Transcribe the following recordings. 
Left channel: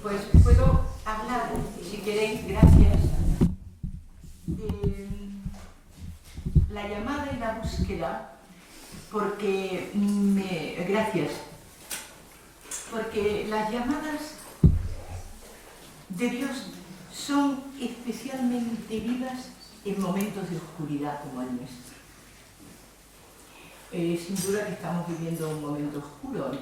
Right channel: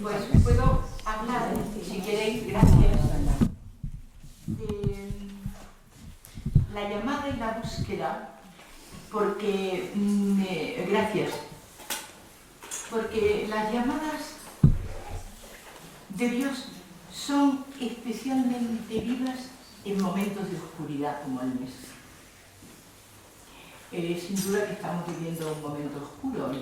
Pues puedo hablar, si queréis, gracias, de la llamada y la búsqueda, porque gracias, porque las llamadas de Dios son especialmente vivas en momentos de oscuridad como el nuestro. Sin duda que estamos viviendo un momento oscuro.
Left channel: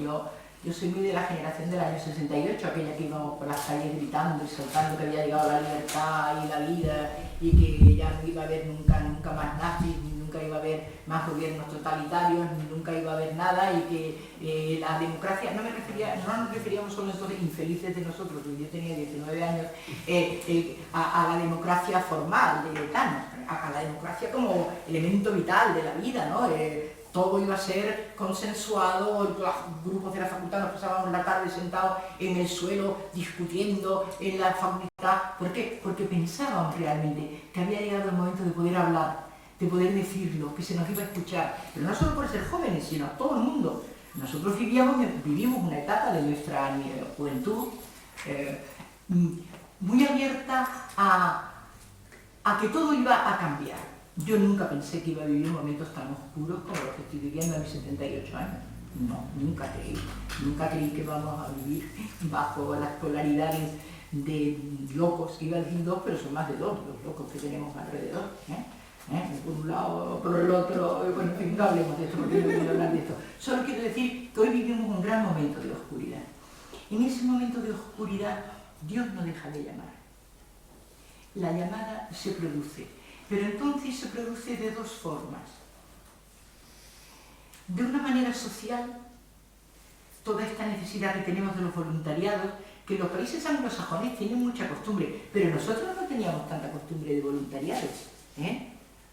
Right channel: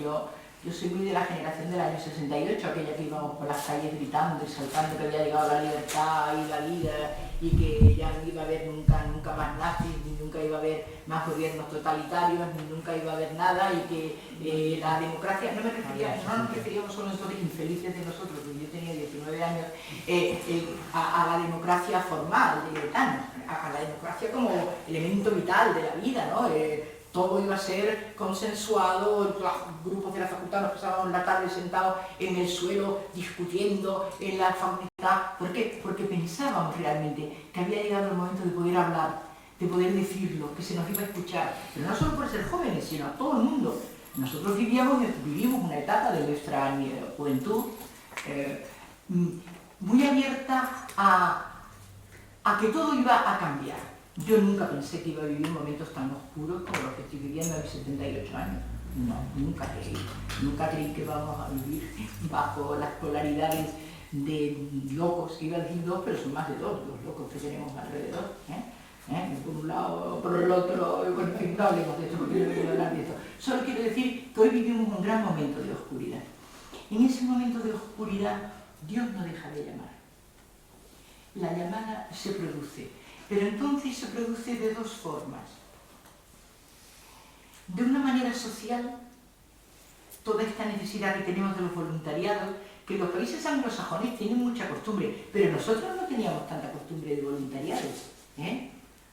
Yo soy muy de la generación del año 68, aquella que íbamos por las calles gritando y saltando que había llegado la libertad y la vida y que ya no iba a haber nunca más nazis, ni nunca iba a haber más gobiernos totalitarios, ni nunca iba a haber nada, y que la democracia, no nos referíamos solo entonces infelices de nosotros, porque yo tenía 19 años, a la democracia formal de Thanos, a la democracia como elemento vital de la vida, ¿no? Todo iba a ser consensuado, los grupos de la facultad nos pasábamos la tarde sentados en el suelo discutiendo en la facultad. ¿Por qué? Porque pensábamos realmente que había llegado el momento de poder hablar, de poder decirlo, que se nos iba a escuchar. Pero no solo por ser jóvenes, sino a todo el mundo. Nosotros vivimos una etapa de nuestra juventud muy abierta a que todo iba a cambiar. Yo nunca pensé que iba a vivir momentos tan oscuros como los que estoy viviendo a mis 78 años. No, nunca creí. Nunca creí que vamos a vivir bajo las polaridades de locos, que iba a decir dos, pero son más de dos los locos que tenemos alrededor. Por un lado, por el otro, bueno, en fin, no hablemos de esto porque no quiero hablar de esto. Solo quiero decir que hoy vivimos un gran momento de oscuridad. En ese momento de oscuridad, Dios no deja de llamar. La llamada se produce. Pero entonces se produce de dos formas. De una manera social, toda esta necesidad que tenemos de los voluntariados, que los países anglosajones tienen mucha costumbre, pero nosotros no teníamos tanta costumbre de voluntariados.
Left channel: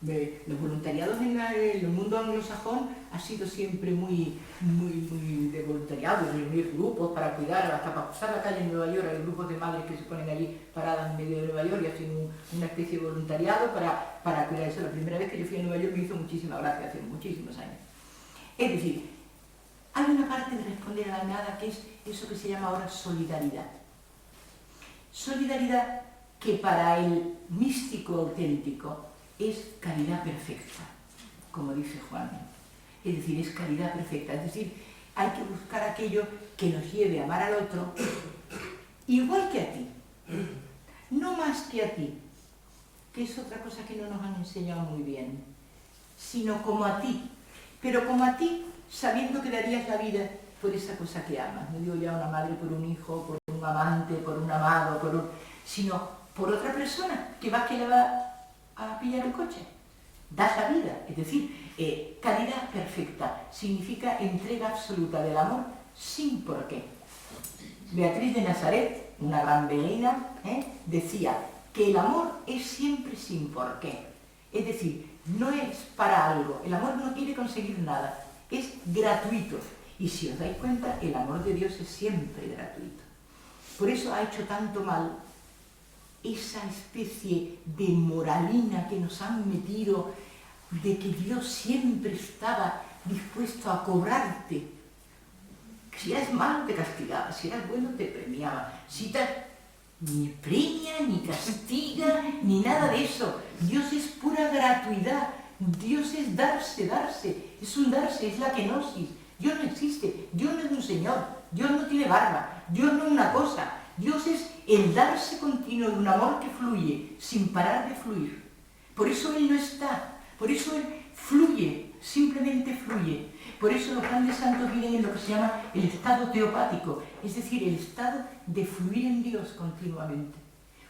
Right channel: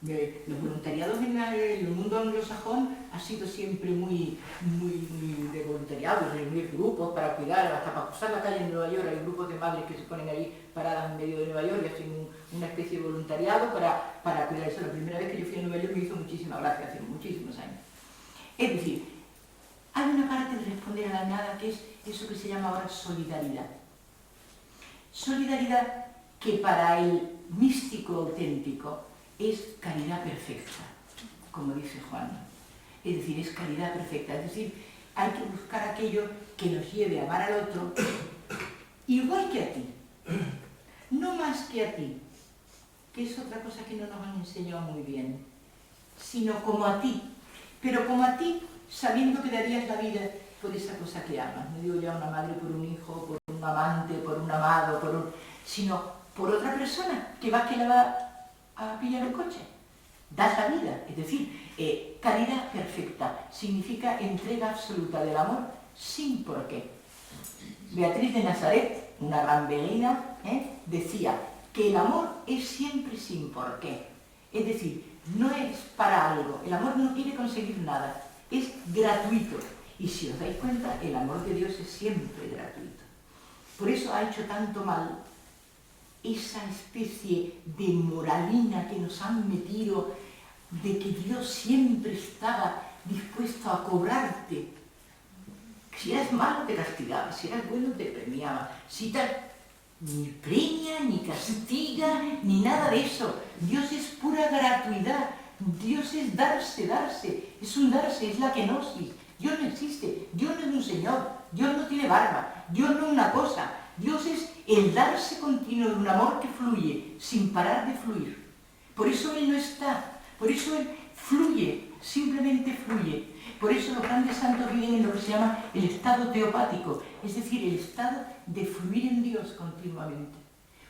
Los voluntariados en el mundo anglosajón ha sido siempre muy de voluntariado, reunir grupos para cuidar, hasta para cruzar la calle en Nueva York hay grupos de madres que se ponen allí paradas en medio de Nueva York y hacen una especie de voluntariado para cuidar eso. La primera vez que yo fui a Nueva York me hizo muchísima gracia, hace muchísimos años. Es decir, hay una parte de responder a la llamada que es eso que se llama ahora solidaridad. Solidaridad que para el místico auténtico es caridad perfecta, como dice Juan. Es decir, es caridad perfecta. Es decir, hay que buscar aquello que nos lleve a amar al otro igual que a ti, no más que a ti, que es otra cosa que no nos han enseñado muy bien, sino como a ti, pero como a ti sabiendo que darías la vida por esa cosa que amas. No digo ya una madre por un hijo, por un amante, por un amado, sino por otra persona que la va a pillar el coche. Das la vida, es decir, caridad perfecta significa entrega absoluta del amor sin porqué. Beatriz de Nazaret, una gran beguina, decía que el amor es siempre sin porqué. Es decir, no es para algo, el amor no quiere conseguir nada, es gratuito. Y si os dais cuenta, el amor de Dios es siempre gratuito. Por eso ha hecho tanto mal esa especie de moralina que nos han metido de que Dios siempre estaba dispuesto a cobrarte. Si eras malo te castigaba, si eras bueno te premiaba. Ni premia, ni castiga, ni nada de eso. Dios es pura gratuidad. Dios es darse. Es un darse, es la kenosis. Dios no existe, Dios no es un señor, Dios no tiene barba, Dios no es una cosa. Dios es el darse continuo de un amor que fluye sin parar de fluir. Por eso Él no está, por eso Él fluye, simplemente fluye. Por eso los grandes santos viven en lo que se llama el estado teopático, es decir, el estado de fluir en Dios continuamente.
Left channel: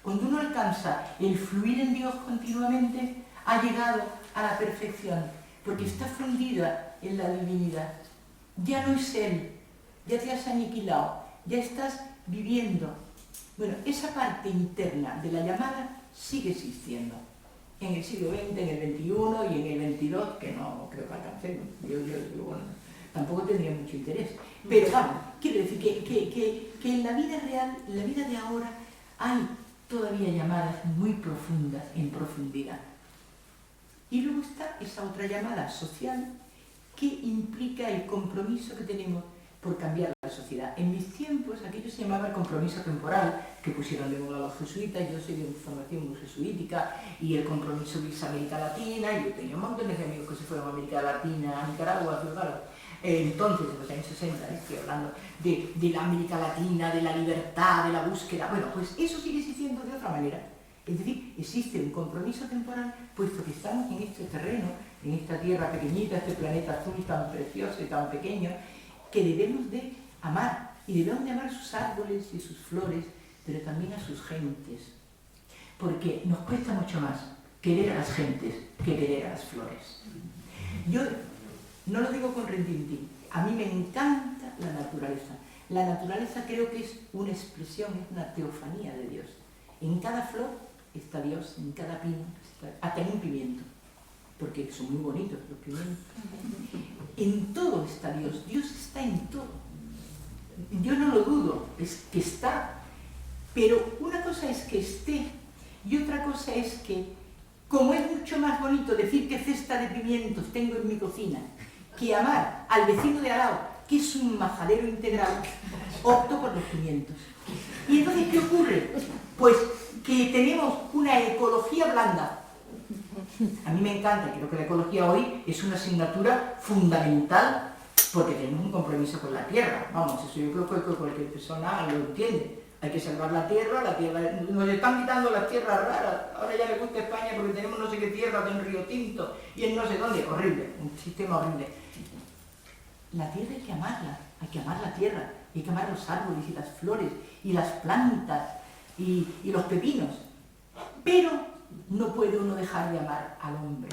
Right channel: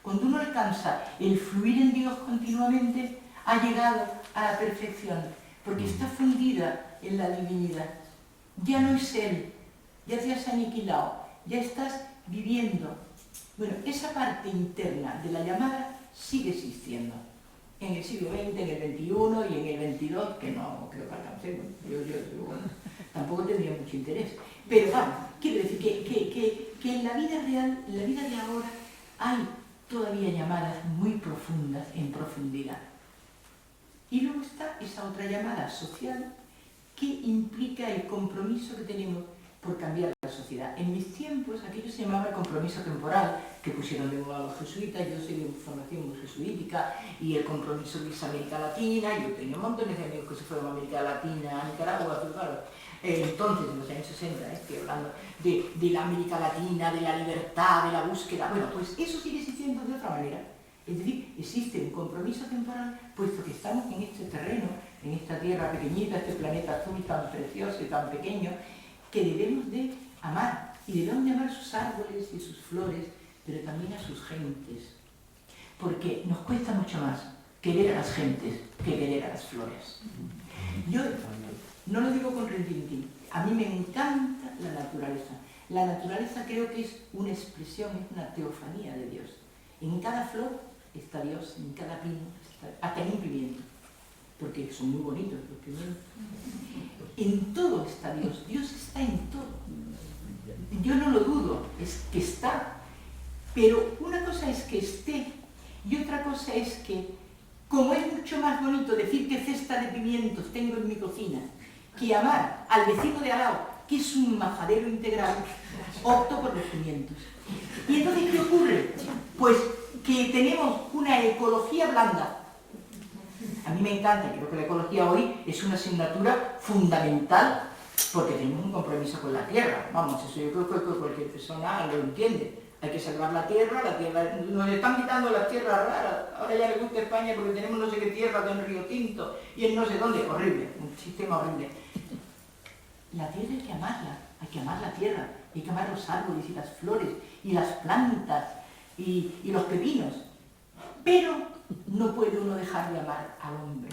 Cuando uno alcanza el fluir en Dios continuamente, ha llegado a la perfección, porque está fundida en la divinidad. Ya no es Él, ya te has aniquilado, ya estás viviendo. Bueno, esa parte interna de la llamada sigue existiendo. En el siglo XX, en el XXI y en el XXII, que no creo que alcancemos. Yo, bueno, tampoco tendría mucho interés. Pero vamos, quiero decir que en la vida real, en la vida de ahora, hay todavía llamadas muy profundas, en profundidad. Y luego está esa otra llamada social que implica el compromiso que tenemos por cambiar la sociedad. En mis tiempos, aquello principio se llamaba el compromiso temporal, que pusieron de moda los jesuitas. Yo soy de formación muy jesuítica, y el compromiso de América Latina, y yo tenía un montón de amigos que se fueron a América Latina, a Nicaragua, claro. Entonces, en los años 60, estoy hablando de la América Latina, de la libertad, de la búsqueda. Bueno, pues eso sigue existiendo de otra manera. Es decir, existe un compromiso temporal, puesto que estamos en este terreno, en esta tierra pequeñita, este planeta azul tan precioso y tan pequeño, que debemos de amar, y debemos de amar a sus árboles y sus flores, pero también a sus gentes, porque nos cuesta mucho más querer a las gentes que querer a las flores. Yo no lo digo con rintintín, a mí me encanta la naturaleza. La naturaleza creo que es una expresión, es una teofanía de Dios. En cada flor está Dios, en cada pino, hasta en un pimiento, porque son muy bonitos los pimientos. En todo está Dios, Dios está en todo. Yo no lo dudo, es que está. Pero una cosa es que esté, y otra cosa es que, como es mucho más bonito decir qué cesta de pimientos tengo en mi cocina, que amar al vecino de al lado, que es un majadero integral, opto por los pimientos. Y entonces, ¿qué ocurre? Pues que tenemos una ecología blanda. A mí me encanta, creo que la ecología hoy es una asignatura fundamental, porque tenemos un compromiso con la tierra. Vamos, eso yo creo que cualquier persona lo entiende. Hay que salvar la tierra, nos están quitando las tierras raras. Ahora ya le gusta España porque tenemos no sé qué tierra de un Río Tinto y en no sé dónde. Horrible, un sistema horrible. La tierra hay que amar la tierra, hay que amar los árboles y las flores y las plantas y los pepinos. Pero no puede uno dejar de amar al hombre,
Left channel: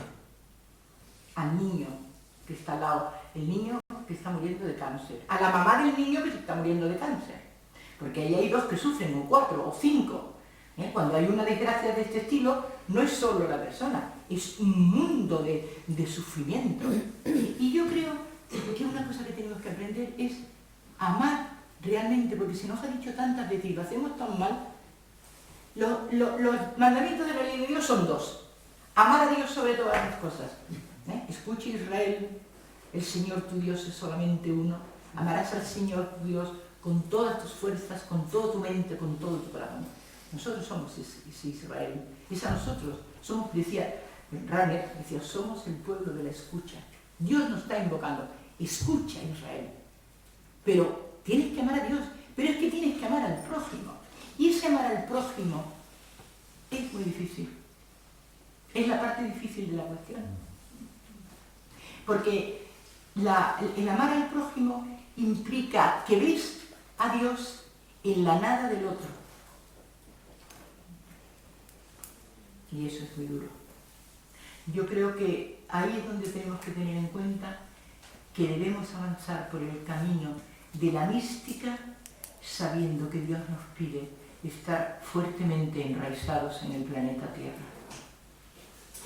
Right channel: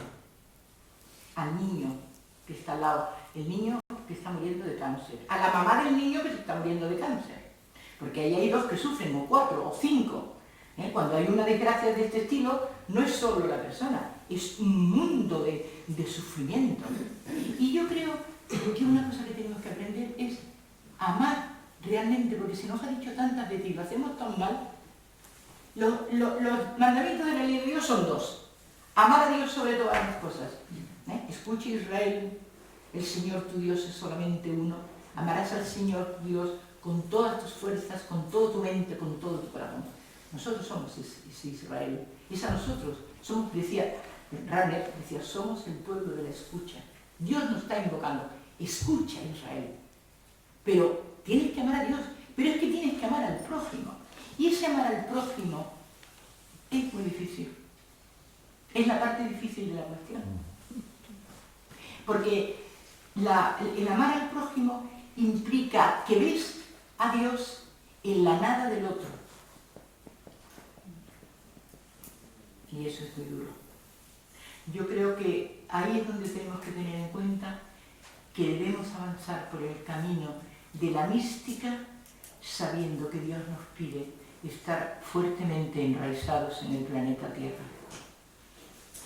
al niño que está al lado, el niño que está muriendo de cáncer, a la mamá del niño que se está muriendo de cáncer. Porque ahí hay dos que sufren, o 4, o 5. Cuando hay una desgracia de este estilo, no es solo la persona, es un mundo de sufrimiento. Y yo creo que una cosa que tenemos que aprender es amar realmente, porque se nos ha dicho tantas veces y lo hacemos tan mal. Los mandamientos de la ley de Dios son 2. Amar a Dios sobre todas las cosas. Escucha Israel, el Señor tu Dios es solamente uno. Amarás al Señor tu Dios con todas tus fuerzas, con toda tu mente, con todo tu corazón. Nosotros somos ese Israel. Es a nosotros. Somos, decía Ranner, somos el pueblo de la escucha. Dios nos está invocando. Escucha, Israel. Pero tienes que amar a Dios. Pero es que tienes que amar al prójimo. Y ese amar al prójimo es muy difícil. Es la parte difícil de la cuestión. Porque el amar al prójimo implica que ves a Dios en la nada del otro. Y eso es muy duro. Yo creo que ahí es donde tenemos que tener en cuenta que debemos avanzar por el camino de la mística, sabiendo que Dios nos pide estar fuertemente enraizados en el planeta Tierra.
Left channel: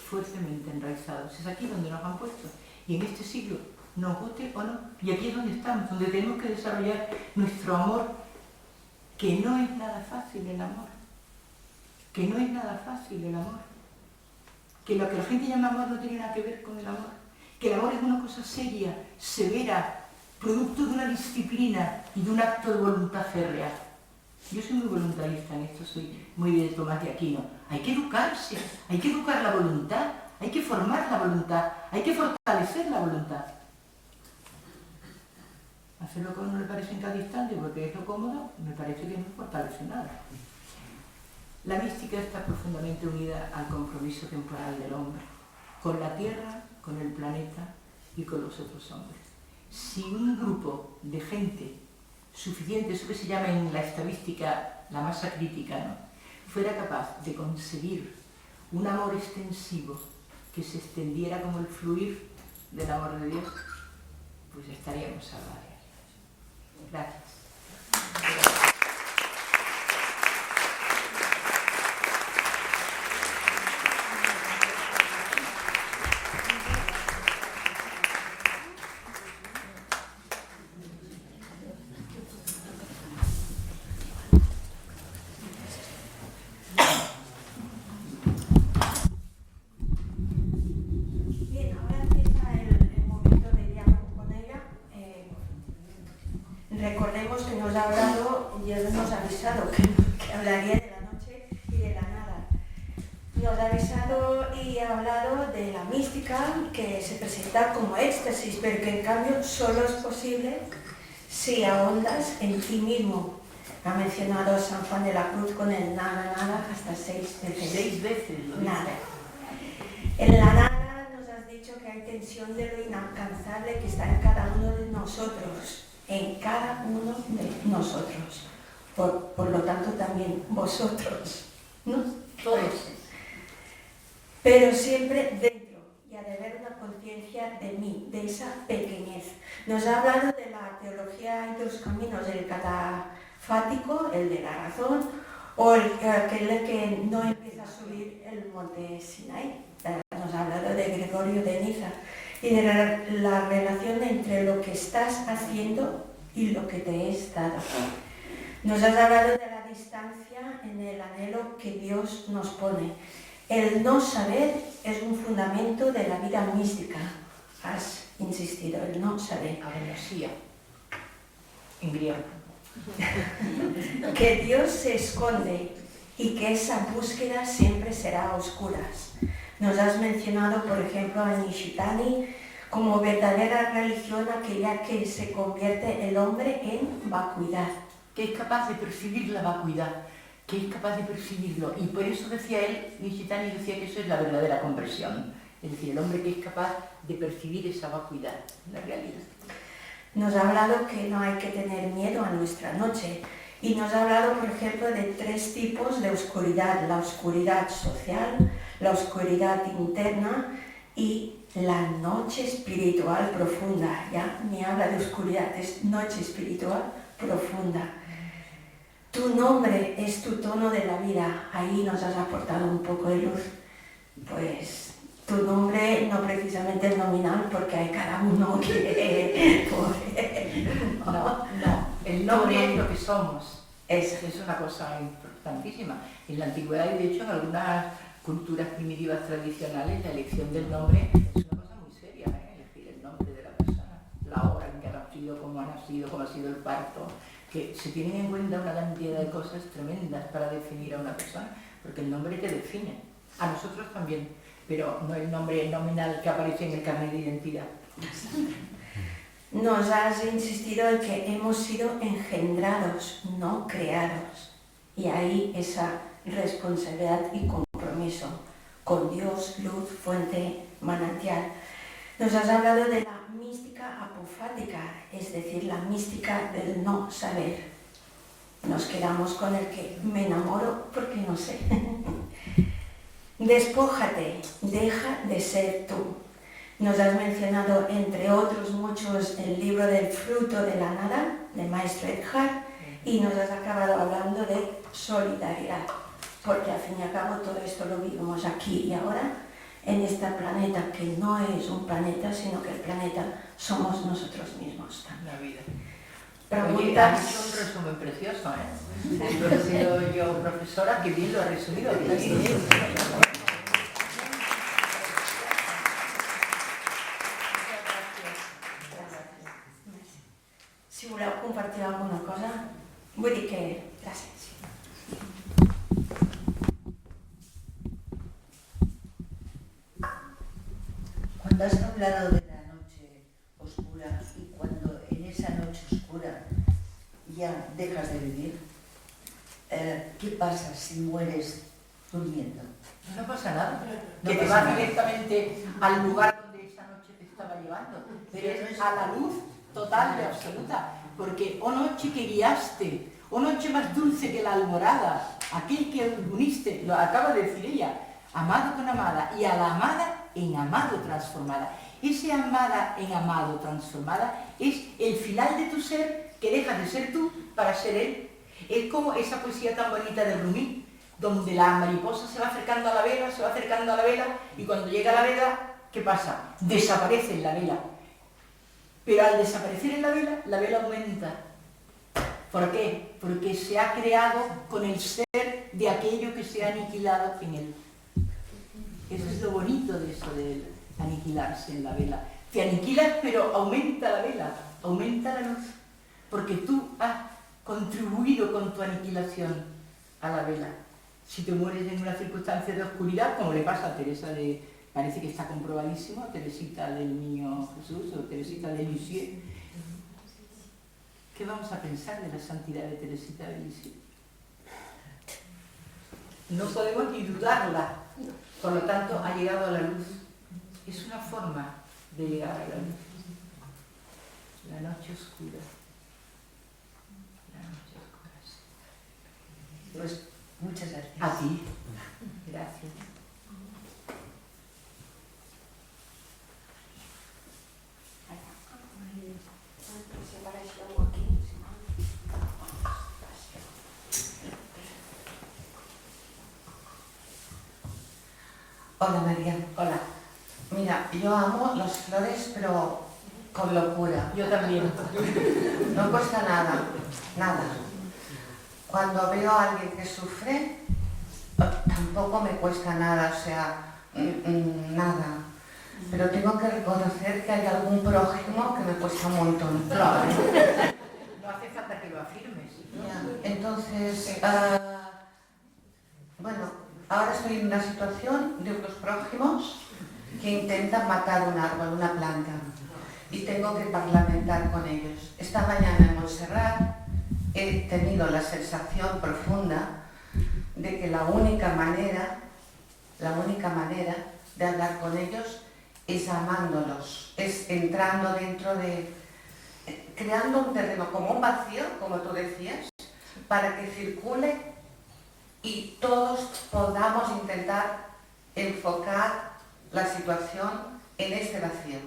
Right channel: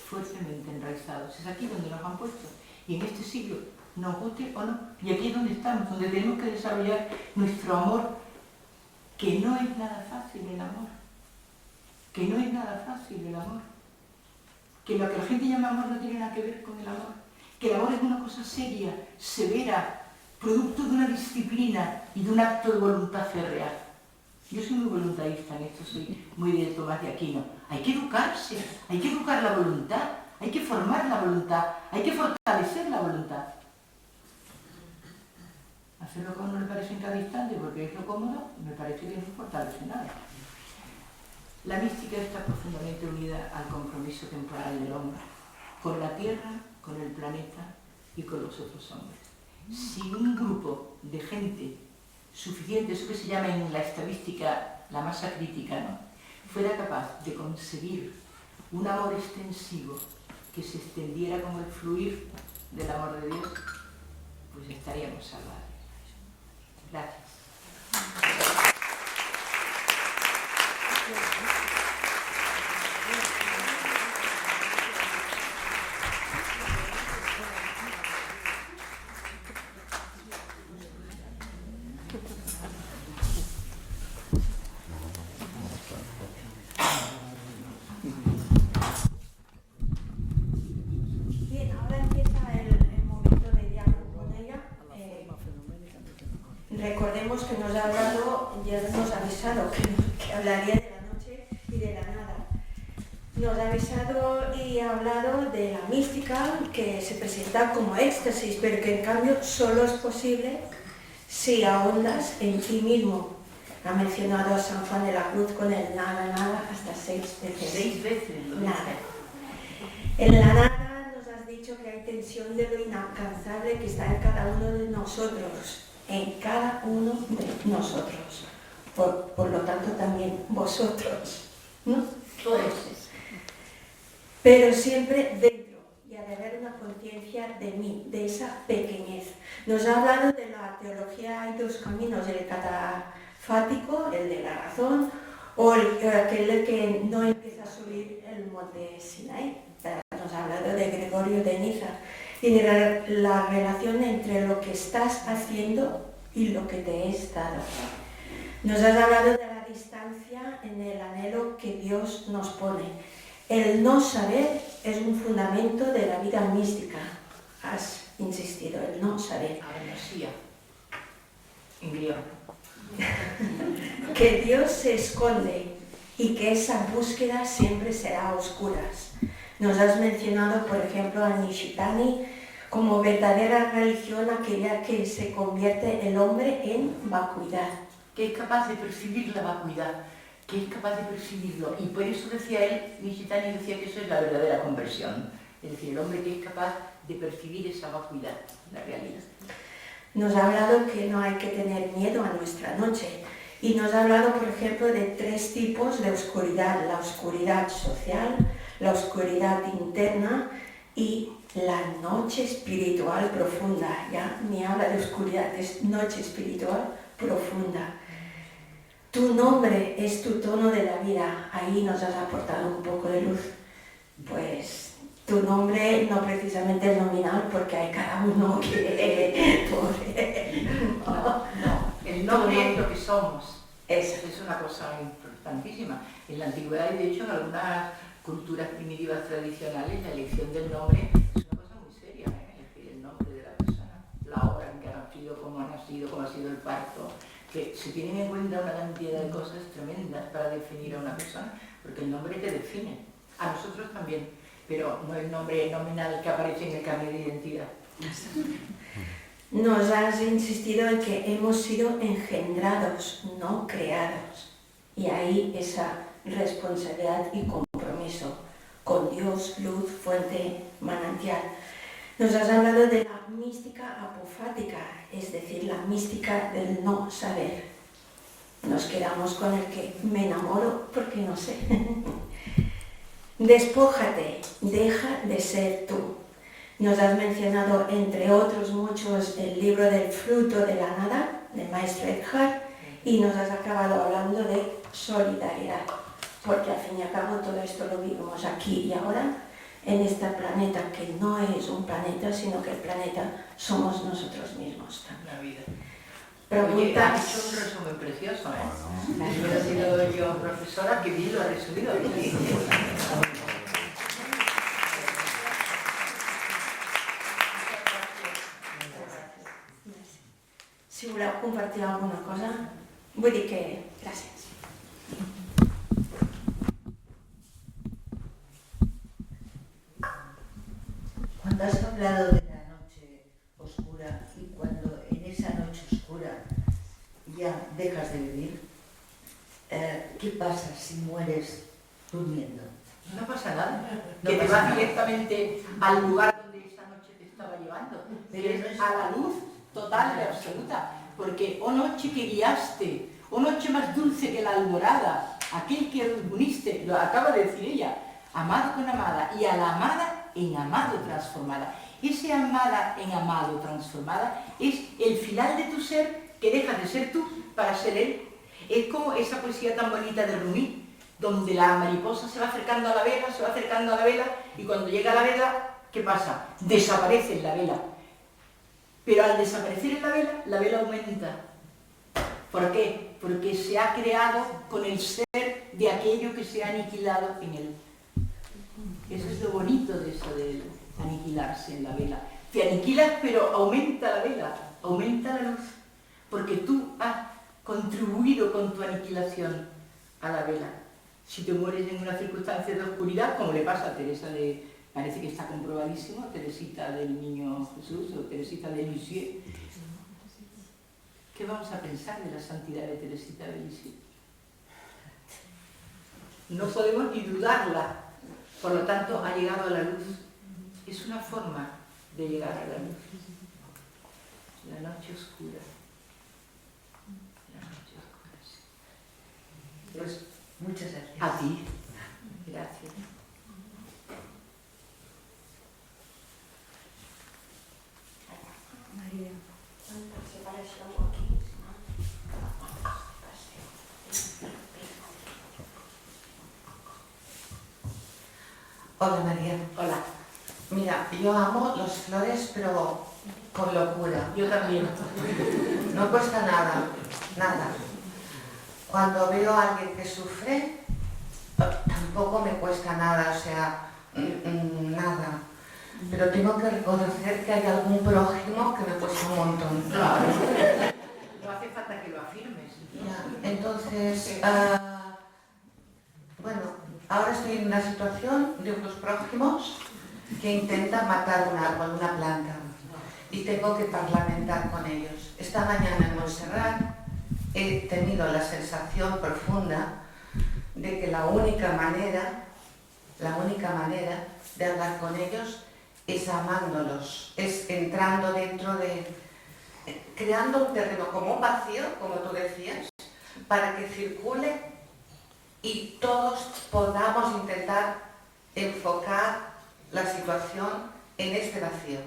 Fuertemente enraizados. Es aquí donde nos han puesto. Y en este siglo, nos guste o no, y aquí es donde estamos, donde tenemos que desarrollar nuestro amor, que no es nada fácil el amor, que no es nada fácil el amor, que lo que la gente llama amor no tiene nada que ver con el amor, que el amor es una cosa seria, severa, producto de una disciplina y de un acto de voluntad férrea. Yo soy muy voluntarista en esto, soy muy de Tomás de Aquino. Hay que educarse, hay que educar la voluntad, hay que formar la voluntad, hay que fortalecer la voluntad. Hacerlo como no le parece en cada instante porque es lo cómodo, me parece que no fortalece nada. La mística está profundamente unida al compromiso temporal del hombre, con la Tierra, con el planeta y con los otros hombres. Si un grupo de gente suficiente, eso que se llama en la estadística la masa crítica, ¿no?, fuera capaz de conseguir un amor extensivo que se extendiera como el fluir del amor de Dios, pues estaríamos salvados. Gracias. Bien, ahora empieza el momento de diálogo con ella. Recordemos que nos ha hablado Dios nos ha avisado que hablaría de la noche y de la nada. Nos ha avisado y ha hablado de la mística que se presenta como éxtasis, pero que en cambio solo es posible si ahondas en ti mismo. Ha mencionado a San Juan de la Cruz con el nada, nada, hasta 6 veces. 6 veces lo Nada. dice. En la nada nos has dicho que hay tensión de lo inalcanzable que está en cada uno de nosotros. En cada uno de nosotros. Por lo tanto también vosotros, ¿no? Todos. Pero siempre dentro, y ha de haber una conciencia de mí, de esa pequeñez. Nos ha hablado de la teología hay dos caminos, el catafático, el de la razón, o aquel que no empieza a subir el monte Sinai. Nos ha hablado de Gregorio de Niza y de la relación entre lo que estás haciendo y lo que te es dado. Nos has hablado de la distancia en el anhelo que Dios nos pone. El no saber es un fundamento de la vida mística. Has insistido, el no saber. Agnosia, en griego. Que Dios se esconde y que esa búsqueda siempre será a oscuras. Nos has mencionado, por ejemplo, a Nishitani como verdadera religión, aquella que se convierte el hombre en vacuidad. Que es capaz de percibir la vacuidad, que es capaz de percibirlo. Y por eso decía él, Nishitani decía que eso es la verdadera conversión. Es decir, el hombre que es capaz de percibir esa vacuidad, la realidad. Nos ha hablado que no hay que tener miedo a nuestra noche. Y nos ha hablado, por ejemplo, de 3 tipos de oscuridad. La oscuridad social, la oscuridad interna y la noche espiritual profunda. Ya ni habla de oscuridad, es noche espiritual profunda. Tu nombre es tu tono de la vida. Ahí nos has aportado un poco de luz. Pues tu nombre no precisamente es nominal porque hay cada uno que... No, el nombre es lo que somos. Eso. Es una cosa importantísima. En la antigüedad y de hecho en algunas culturas primitivas tradicionales la elección del nombre es una cosa muy seria, elegir el nombre de la persona, la hora en que ha nacido, cómo ha sido el parto, que se tienen en cuenta una cantidad de cosas tremendas para definir a una persona, porque el nombre te define, a nosotros también, pero no el nombre nominal que aparece en el carnet de identidad. Nos has insistido en que hemos sido engendrados, no creados. Y ahí esa responsabilidad y compromiso con Dios, luz, fuente, manantial. Nos has hablado de la mística apofática, es decir, la mística del no saber. Nos quedamos con el que me enamoro porque no sé. Despójate, deja de ser tú. Nos has mencionado, entre otros muchos, el libro del fruto de la nada, del maestro Eckhart, y nos has acabado hablando de solidaridad, porque al fin y al cabo todo esto lo vivimos aquí y ahora, en este planeta que no es un planeta, sino que el planeta somos nosotros mismos también. La vida. Preguntas. Has hecho un resumen precioso, Si hubiera sido yo profesora, que bien lo ha resumido. Si voleu compartir alguna cosa, vull dir que... Gràcies. Cuando has hablado de la noche oscura y cuando en esa noche oscura ya dejas de vivir, ¿qué pasa si mueres durmiendo? No pasa nada, que te vas directamente al lugar donde esa noche te estaba llevando, pero es a la luz total y absoluta, porque oh noche que guiaste, oh noche más dulce que la alborada, aquel que uniste, lo acaba de decir ella, amado con amada, y a la amada en amado transformada. Ese amada en amado transformada es el final de tu ser, que dejas de ser tú para ser él. Es como esa poesía tan bonita de Rumi, donde la mariposa se va acercando a la vela, se va acercando a la vela, y cuando llega a la vela, ¿qué pasa? Desaparece en la vela. Pero al desaparecer en la vela aumenta. ¿Por qué? Porque se ha creado con el ser de aquello que se ha aniquilado en él. Eso es lo bonito de eso de aniquilarse en la vela. Te aniquilas, pero aumenta la vela, aumenta la luz, porque tú has contribuido con tu aniquilación a la vela. Si te mueres en una circunstancia de oscuridad, como le pasa a Teresa de... Parece que está comprobadísimo, Teresita del Niño Jesús o Teresita de Lisieux. ¿Qué vamos a pensar de la santidad de Teresita de Lisieux? No podemos ni dudarla. Por lo tanto, ha llegado a la luz. Es una forma de llegar a la luz. La noche oscura. La noche oscura, sí. Pues muchas gracias. A ti. Gracias. Hola María. Hola. Mira, yo amo las flores, pero con locura. Yo también. No cuesta nada, nada. Cuando veo a alguien que sufre, tampoco me cuesta nada, o sea, nada. Pero tengo que reconocer que hay algún prójimo que me cuesta un montón. Claro. No hace falta que lo afirmes. Ya, entonces, bueno, ahora estoy en una situación de unos prójimos que intentan matar un árbol, una planta, y tengo que parlamentar con ellos. Esta mañana en Montserrat he tenido la sensación profunda de que la única manera de hablar con ellos es amándolos, es entrando dentro de... creando un terreno como un vacío, como tú decías, para que circule y todos podamos intentar enfocar la situación en este vacío.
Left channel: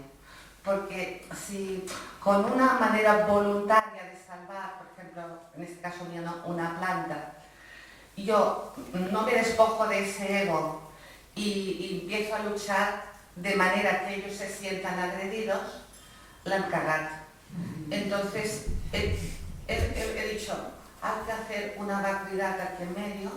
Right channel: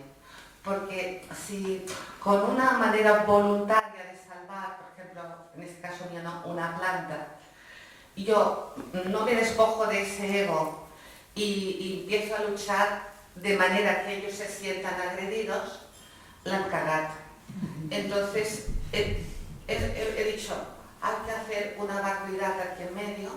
Porque si con una manera voluntaria de salvar, por ejemplo, en este caso mío, ¿no?, una planta, yo no me despojo de ese ego y empiezo a luchar de manera que ellos se sientan agredidos, la han cagado. Entonces, he dicho, hay que hacer una vacuidad aquí en medio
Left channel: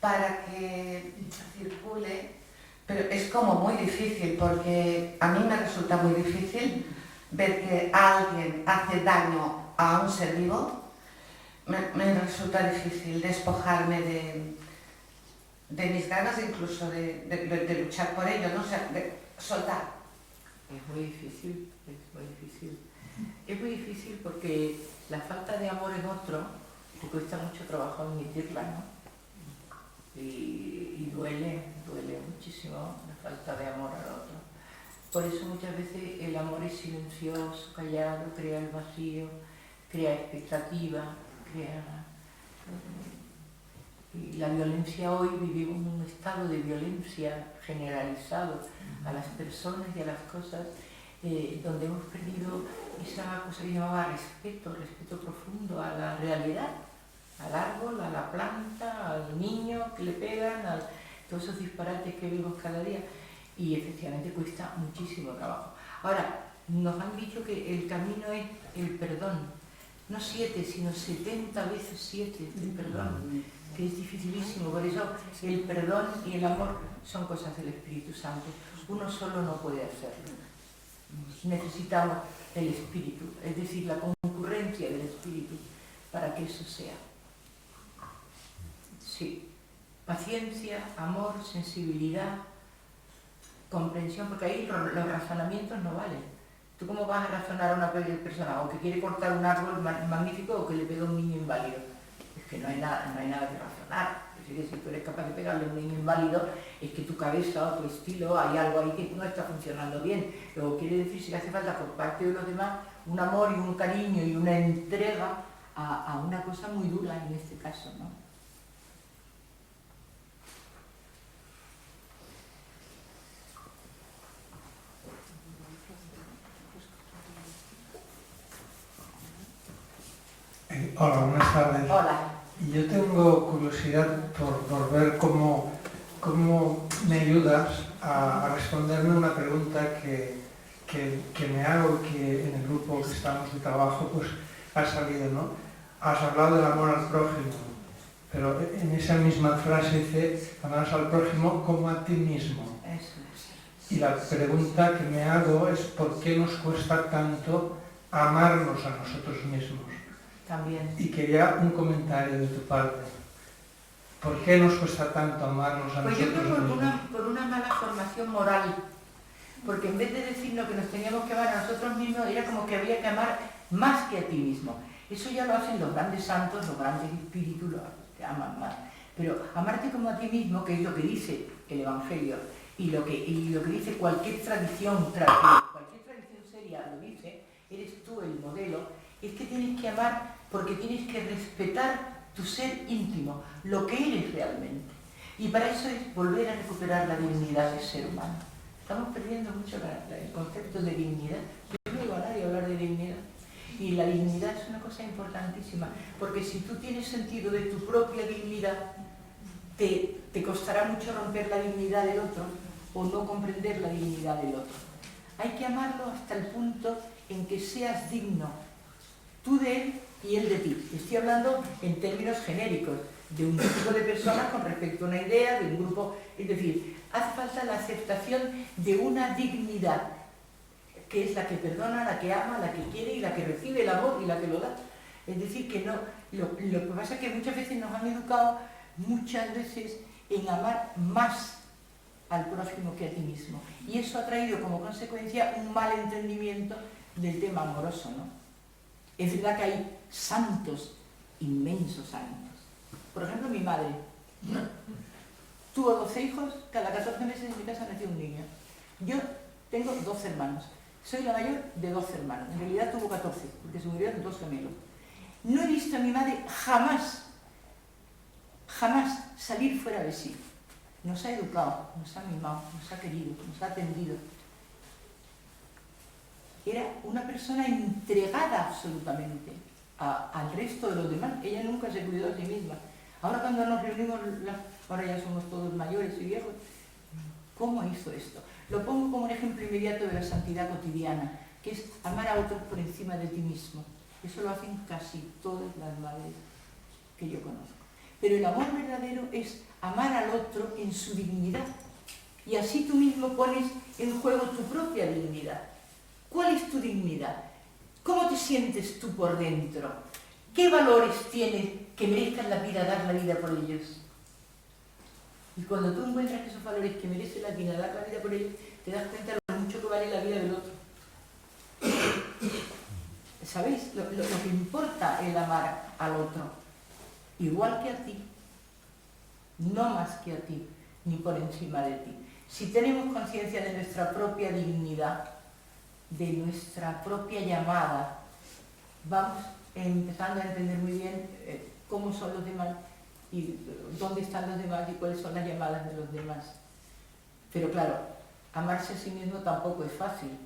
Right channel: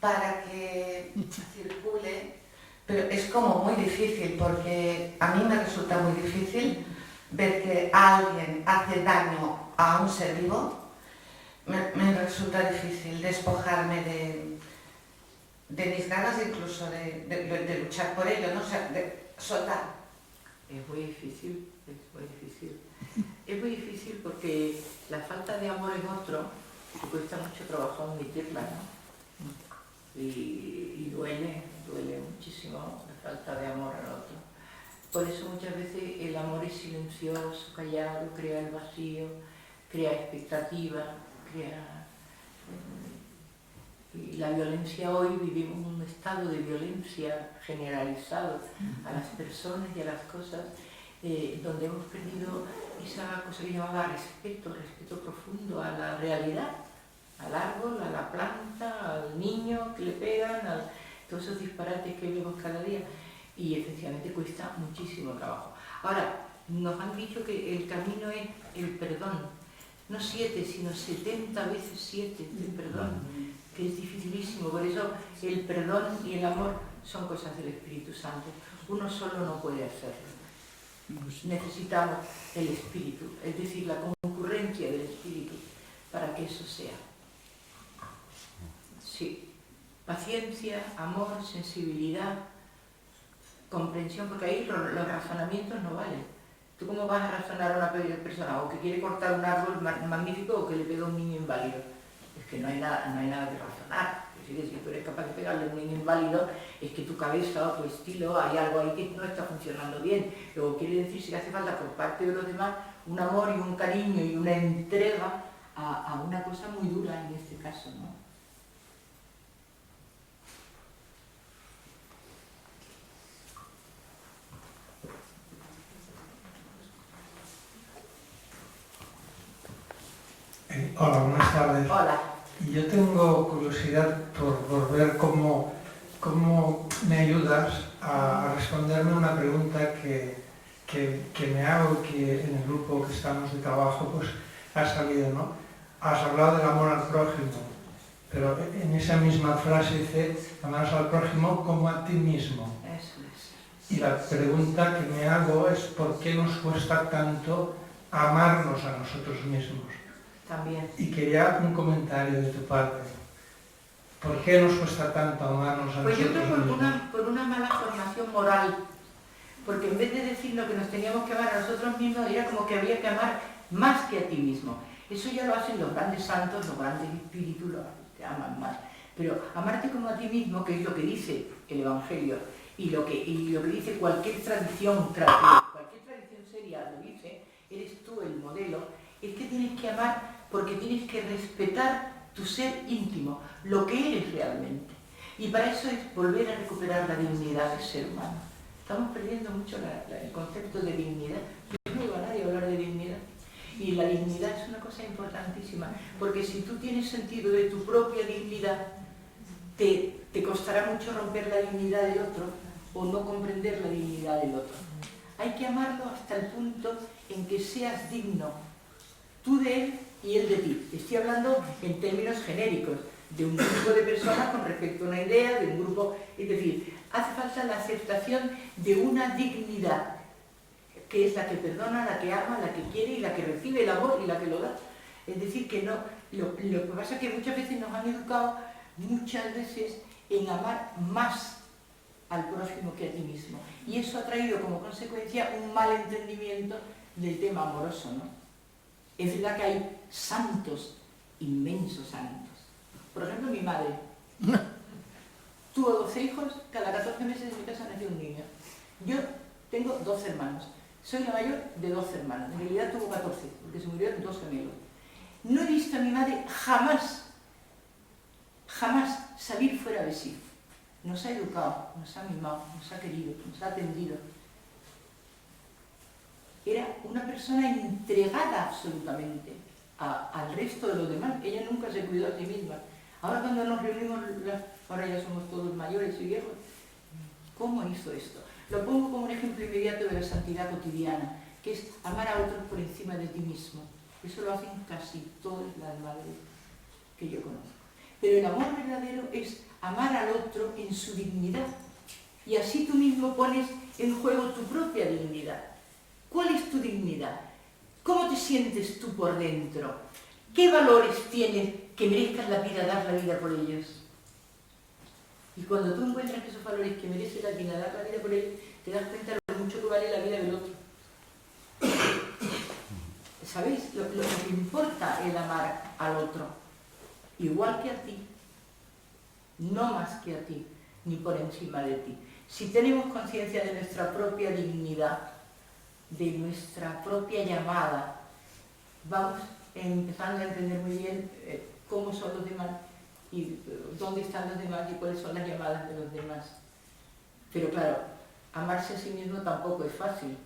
para que circule, pero es como muy difícil, porque a mí me resulta muy difícil ver que alguien hace daño a un ser vivo. Me resulta difícil despojarme de mis ganas, incluso de luchar por ello, ¿no? O sea, de soltar. Es muy difícil, es muy difícil. Es muy difícil porque la falta de amor en otro, te cuesta mucho trabajo admitirla, ¿no? Y duele muchísimo la falta de amor al otro. Por eso muchas veces el amor es silencioso, callado, crea el vacío, crea expectativa, crea... Y la violencia hoy, vivimos en un estado de violencia generalizado a las personas y a las cosas, donde hemos perdido esa cosa que llamaba respeto profundo a la realidad, al árbol, a la planta, al niño que le pegan, a todos esos disparates que vemos cada día. Y efectivamente cuesta muchísimo trabajo. Ahora, nos han dicho que el camino es el perdón, no 7, sino 70 veces 7 de perdón, que es dificilísimo. Por eso el perdón y el amor son cosas del Espíritu Santo. Uno solo no puede hacerlo. Necesitamos el Espíritu, es decir, la concurrencia del Espíritu para que eso sea. Sí, paciencia, amor, sensibilidad, comprensión, porque ahí los razonamientos no valen. ¿Tú cómo vas a razonar a una persona o que quiere cortar un árbol magnífico o que le pega a un niño inválido? Es que no hay nada que razonar. Es decir, si tú eres capaz de pegarle a un niño inválido, es que tu cabeza o tu estilo, hay algo ahí que no está funcionando bien. Luego quiere decir que hace falta por parte de los demás un amor y un cariño y una entrega a una cosa muy dura en este caso, ¿no? Hola, buenas tardes. Hola. Yo tengo curiosidad por ver cómo me ayudas a responderme una pregunta que me hago y que en el grupo que estamos de trabajo pues ha salido, ¿no? Has hablado del amor al prójimo, pero en esa misma frase dice, amarás al prójimo como a ti mismo. Eso es. Y la pregunta que me hago es ¿por qué nos cuesta tanto amarnos a nosotros mismos? También. Y quería un comentario de tu parte. ¿Por qué nos cuesta tanto amarnos a Pues yo nosotros creo mismos? por una mala formación moral, porque en vez de decirnos que nos teníamos que amar a nosotros mismos, era como que había que amar más que a ti mismo. Eso ya lo hacen los grandes santos, los grandes espíritus, los que aman más. Pero amarte como a ti mismo, que es lo que dice el Evangelio, y lo que dice cualquier tradición seria lo dice, eres tú el modelo, es que tienes que amar porque tienes que respetar tu ser íntimo, lo que eres realmente. Y para eso es volver a recuperar la dignidad de ser humano. Estamos perdiendo mucho el concepto de dignidad. Yo no oigo a nadie hablar de dignidad. Y la dignidad es una cosa importantísima, porque si tú tienes sentido de tu propia dignidad, te costará mucho romper la dignidad del otro o no comprender la dignidad del otro. Hay que amarlo hasta el punto en que seas digno, tú de él y él de ti. Estoy hablando en términos genéricos, de un grupo de personas con respecto a una idea, de un grupo... Es decir, hace falta la aceptación de una dignidad, que es la que perdona, la que ama, la que quiere y la que recibe el amor y la que lo da. Es decir, que no... Lo que pasa es que muchas veces nos han educado, muchas veces, en amar más al prójimo que a ti mismo. Y eso ha traído como consecuencia un mal entendimiento del tema amoroso, ¿no? Es verdad que hay santos, inmensos santos. Por ejemplo, mi madre tuvo 12 hijos, cada 14 meses en mi casa nació un niño. Yo tengo 12 hermanos. Soy la mayor de 12 hermanos. En realidad tuvo 14, porque se murieron 2 gemelos. No he visto a mi madre jamás salir fuera de sí. Nos ha educado, nos ha mimado, nos ha querido, nos ha atendido. Era una persona entregada absolutamente al resto de los demás. Ella nunca se cuidó a sí misma. Ahora cuando nos reunimos, ahora ya somos todos mayores y viejos, ¿cómo hizo esto? Lo pongo como un ejemplo inmediato de la santidad cotidiana, que es amar a otros por encima de ti mismo. Eso lo hacen casi todas las madres que yo conozco. Pero el amor verdadero es amar al otro en su dignidad. Y así tú mismo pones en juego tu propia dignidad. ¿Cuál es tu dignidad? ¿Cómo te sientes tú por dentro? ¿Qué valores tienes que merezcan la vida, dar la vida por ellos? Y cuando tú encuentras que esos valores que merecen la vida, dar la vida por ellos, te das cuenta de lo mucho que vale la vida del otro. ¿Sabéis? Lo que importa es amar al otro, igual que a ti, no más que a ti, ni por encima de ti. Si tenemos conciencia de nuestra propia dignidad, de nuestra propia llamada, vamos empezando a entender muy bien cómo son los demás y dónde están los demás y cuáles son las llamadas de los demás. Pero claro, amarse a sí mismo tampoco es fácil,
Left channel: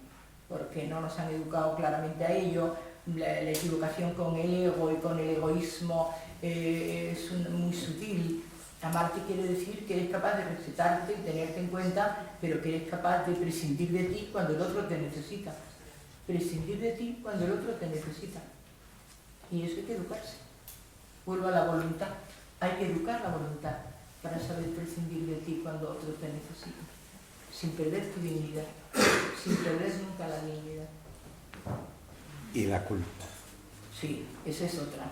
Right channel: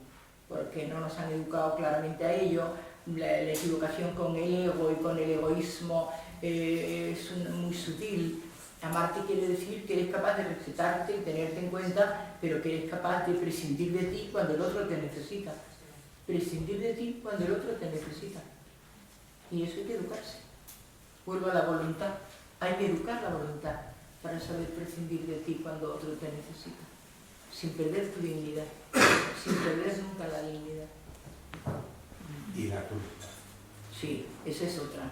porque no nos han educado claramente a ello. La equivocación con el ego y con el egoísmo es muy sutil. Amarte quiere decir que eres capaz de respetarte y tenerte en cuenta, pero que eres capaz de prescindir de ti cuando el otro te necesita. Prescindir de ti cuando el otro te necesita. Y eso hay que educarse. Vuelvo a la voluntad. Hay que educar la voluntad para saber prescindir de ti cuando otro te necesita. Sin perder tu dignidad. Sin perder nunca la dignidad. Y la culpa. Sí, esa es otra.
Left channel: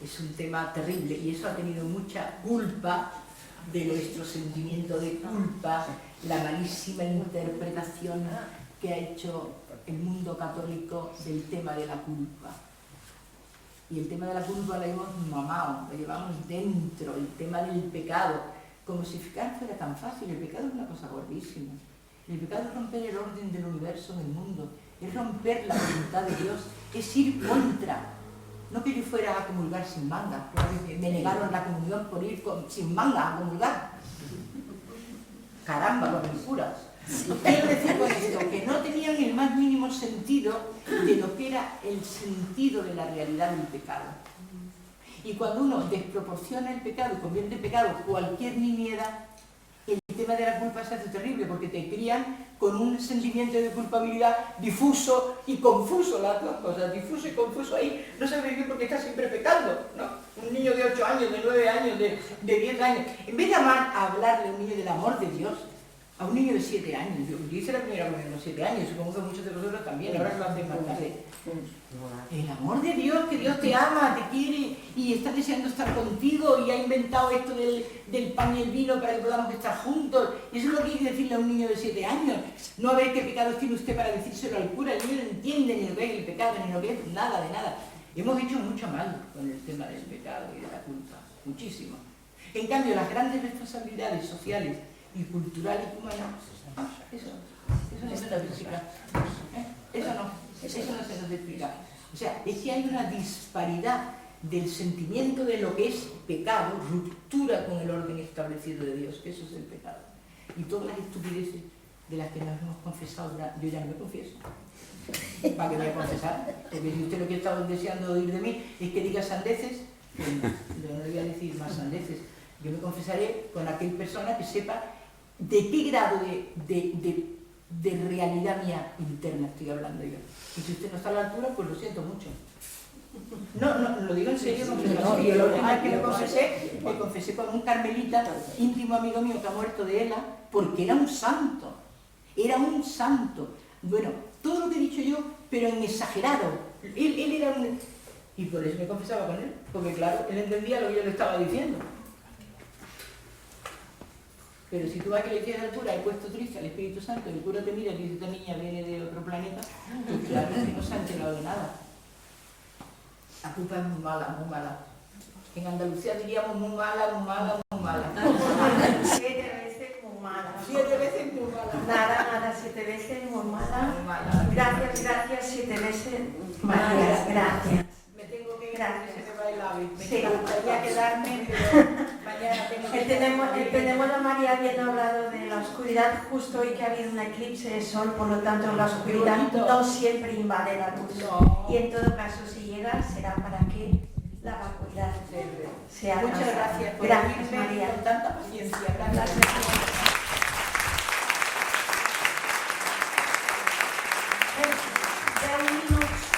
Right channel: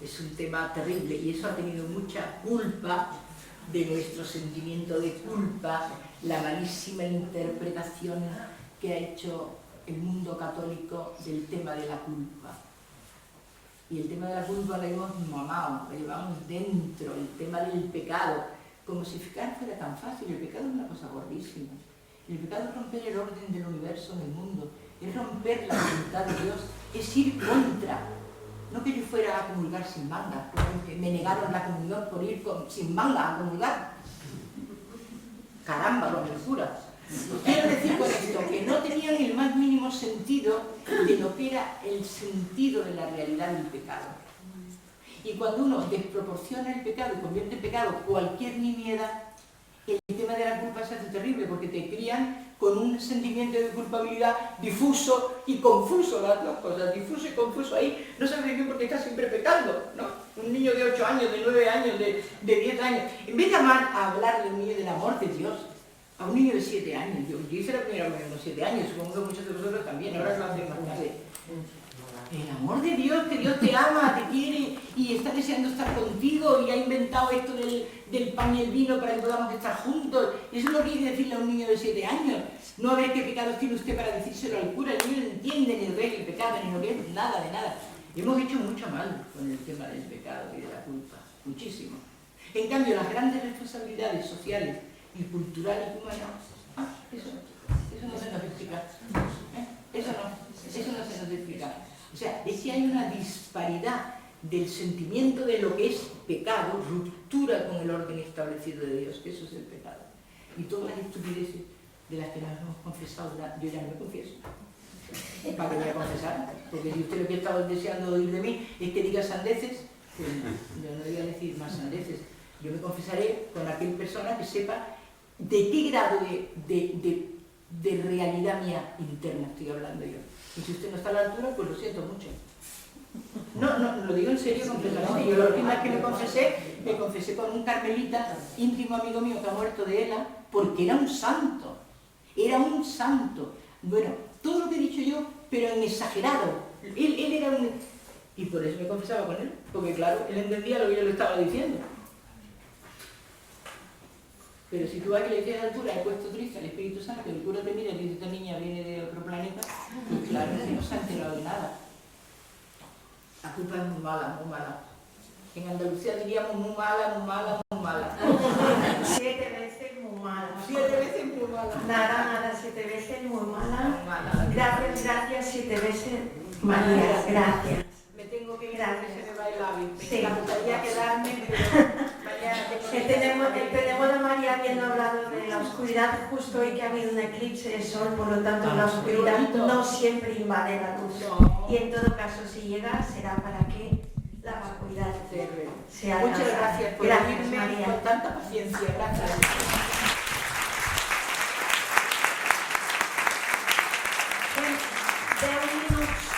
Es un tema terrible y eso ha tenido mucha culpa de nuestro sentimiento de culpa, la malísima interpretación que ha hecho el mundo católico del tema de la culpa. Y el tema de la culpa lo hemos mamado, lo llevamos dentro, el tema del pecado, como si ficar fuera tan fácil. El pecado es una cosa gordísima. El pecado es romper el orden del universo en el mundo, es romper la voluntad de Dios, es ir contra. No que yo fuera a comulgar sin manga, me negaron la comunión por ir sin manga a comulgar. Caramba, con el cura. Quiero decir con esto que no tenían el más mínimo sentido de lo que era el sentido de la realidad del pecado. Y cuando uno desproporciona el pecado y convierte en pecado cualquier nimiedad, el tema de la culpa se hace terrible porque te crían con un sentimiento de culpabilidad difuso y confuso, las dos cosas, difuso y confuso. Ahí no sabes bien porque estás siempre pecando, ¿no? Un niño de 8 años, de 9 años, de 10 años. En vez de hablarle a un niño del amor de Dios, A un niño de 7 años. Yo hice la primera comunión a los 7 años, supongo que muchos de vosotros también, ahora lo hacen más tarde. El amor de Dios, que Dios te ama, te quiere y está deseando estar contigo y ha inventado esto del pan y el vino para que podamos estar juntos. Y eso es lo que hay que decirle a un niño de 7 años. No a ver qué pecados tiene usted para decírselo al cura. El niño no entiende ni lo que es el pecado, ni lo que es nada de nada. Hemos hecho mucho mal con el tema del pecado y de la culpa, muchísimo. En cambio, las grandes responsabilidades sociales y culturales y humanas, eso no se nos explica. Eso no se nos explica. O sea, es que hay una disparidad del sentimiento de lo que es pecado, ruptura con el orden establecido de Dios, que eso es el pecado. Y todas las estupideces de las que nos hemos confesado, yo ya no me confieso. ¿Para qué voy a confesar? Porque si usted lo que estaba deseando oír de mí es que diga sandeces, pues yo no le voy a decir más sandeces. Yo me confesaré con aquella persona que sepa de qué grado de realidad mía interna estoy hablando yo. Y si usted no está a la altura, pues lo siento mucho. No, lo digo en serio completamente. Yo la última vez que me confesé con un carmelita, íntimo amigo mío que ha muerto de ELA, porque era un santo. Era un santo. Bueno, todo lo que he dicho yo, pero en exagerado. Él era un... Y por eso me confesaba con él, porque claro, él entendía lo que yo le estaba diciendo. Pero si tú vas que le dices al cura, he puesto triste al Espíritu Santo, el cura te mira y dice, esta niña viene de otro planeta, pues claro, que no se ha enterado de nada. La culpa es muy mala, muy mala. En Andalucía diríamos muy mala, muy mala, muy mala. 7 veces muy mala. 7 veces muy mala. Nada, 7 veces muy mala. Muy mala. Gracias, 7 veces María, gracias. Me tengo que ir, Gracias. se me va el ave. Me Sí. encantaría quedarme, pero mañana tengo que... Tenemos a María habiendo hablado de la oscuridad justo hoy que ha habido un eclipse de sol, por lo tanto la oscuridad no siempre invade la luz. No. Y en todo caso, si llega, será para que la vacuidad sea Muchas alcanzada. gracias por Gracias, oírme María. con tanta paciencia. Gracias. 10 minuts